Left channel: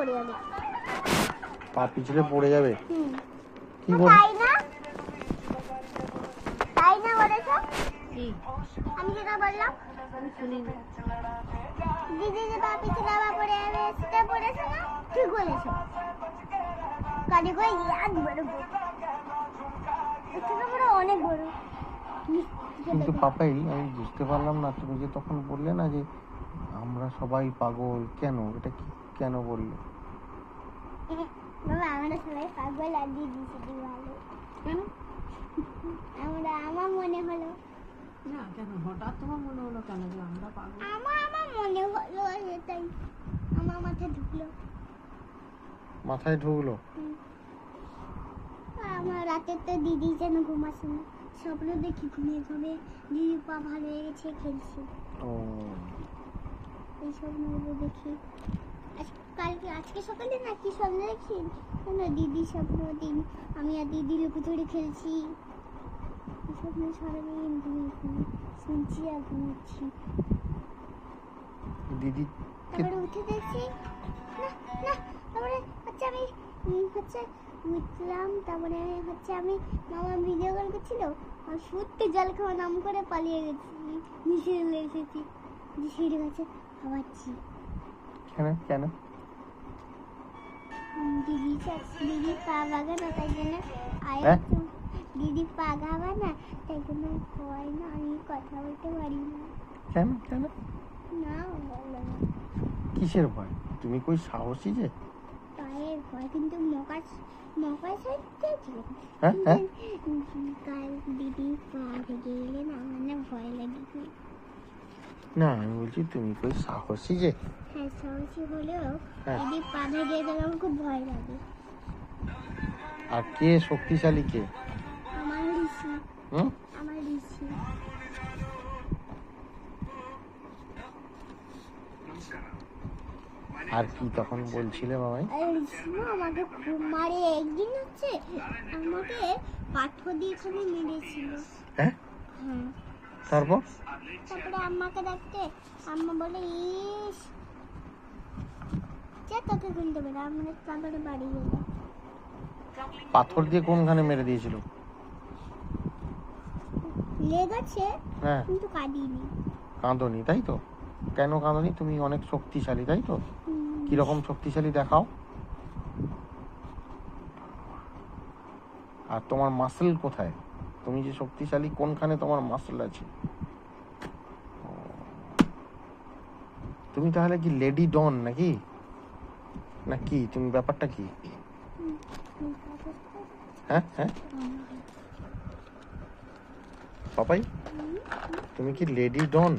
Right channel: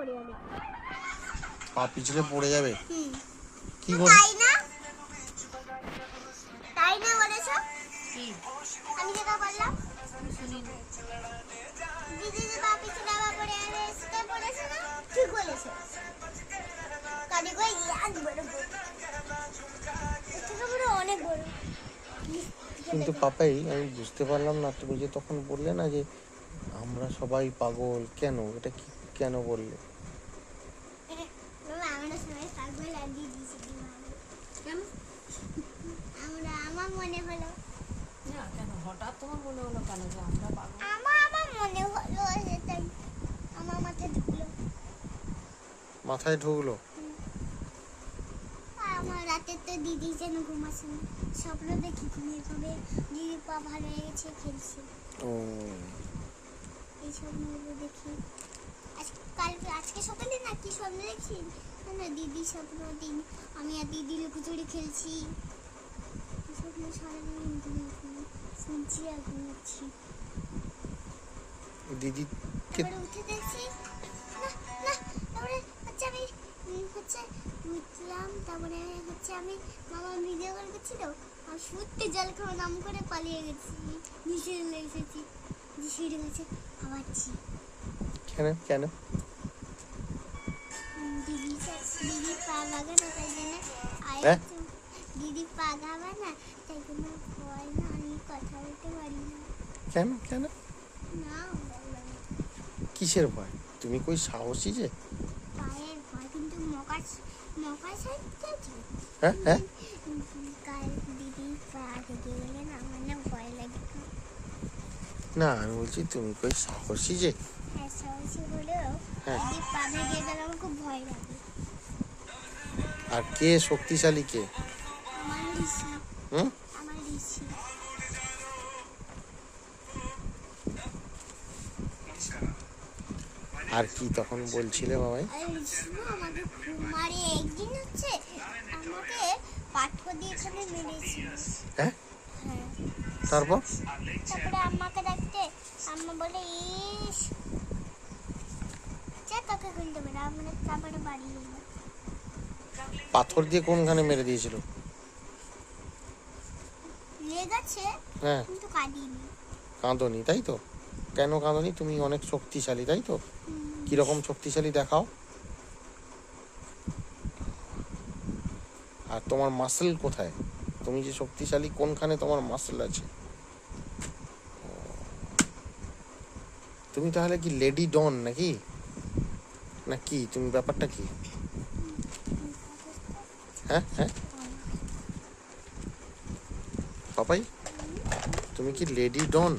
পড়ে যাবে। পা পিছলে পড়ে যাবে? কি তাই না? তাই না বলেছো? কি আমি যেটা বললাম আমি শুনিনি। দিদি যে পা পিছলে আবার পড়ে যাবে সেটা বলেছো না? ঠিক বলেছো। তাহলে কই ইয়াদ বড় বড়। এটা বড় অনেক বড়। কিন্তু পাপাই, আমি বুঝতে পারলাম না, তুমি যে তখন বললে না যে আমরা সবাই পাগল, কেন এটা কি, কেন বললে? বাবা আমরা সবাই পাগল আর দিদি শুধু ভালো। কেন? আমার মনে হলো। না কেন হঠাৎ তোমার মনে হলো কেন যে আমরা পাগল? আমার মনে হলো সেটাই আমার মাথায় ঢুকলো। মাথায় ঢুকলো? আর আমার রাতে তো দিদি যেন ঘুমাচ্ছে না, স্বপ্ন দেখি ঘুমিয়ে ঘুমিয়ে দিদি পা ভালো হয়ে গেছে খেলছে। ও এই স্বপ্নগুলো দেখি। আজকে সকালে না কি স্বপ্ন দেখছি না, দিদি স্বপ্ন দিন আমি আর দিদি লুকোচুরি খেলছি। এই স্বপ্ন সারাদিন ঘুমিয়ে শুনছি আর ঘুমাচ্ছি। দিদি তারপরে উঠে দেখছি না না, তারপরে হচ্ছে আমি উঠলাম, তারপরে হচ্ছে আমি মামা ভিডিও কল করছিল, আমি সত্যি জল খাওয়া নাম করে পালিয়ে গেছি, নিচে চলে এসেছি, যে সিঁড়ি গাছে হাওয়াচ্ছি। কেন কেন? দিদি পা ভাগা না তাই জন্য দিদি পা ঘাবা না তাই জন্য ভয় না, আমি কথা বলতে পারি না। কেন কেন? না বলো না। কিসের ভয়? তুমি কই সাহসী যে? পায়ের ভয়, কিন্তু মকার সাইড হ্যাঁ হ্যাঁ, কাল দিদি পা ভেঙে গেলে না আমার না ভয় লাগে। না আমি বলছি তুমি কই সাহসী যে? হ্যাঁ সাহসী হলেও হ্যাঁ। দিদি পা ভেঙে গেলে আমার খুব ভয় লাগে। আর কে শক্তিশালী কে? আমার ঋষি। হুম? আমার ঋষি। আর কি তখন বলছিলে বাবাই? ঋষি আমাকে খুব মারে, একদিন হচ্ছে আমাকে পাথর দিয়ে এখানে মেরেছিল। হ্যাঁ, হ্যাঁ। তারপর? তারপরে আম্মাকে ডাকতে আম্মা বলে ইস যে তোকে খুলতে পারে, আমরা তারপরে বাড়ি গেল। পাথর দিয়ে কোনখানে মেরে দিয়েছিল? লেগেছে হ্যাঁ, কিন্তু কাঁদিনি। কাঁদনি তাই তো? কেন কাঁদনি? তুমি অনেক শক্তিশালী তাই তো? কিরকম শক্তিশালী দেখাও? আর তোমার মাসেল কোথায়? তুমি যে শক্তিশালী কোনখানে তোমার মাসেল আছে? তুমি তাহলে কি লেডি ডন নাকি? না কি তুমি, ব্যাপারটা কি? হ্যাঁ হ্যাঁ পাপাই, তুমি কি লেডি ডন?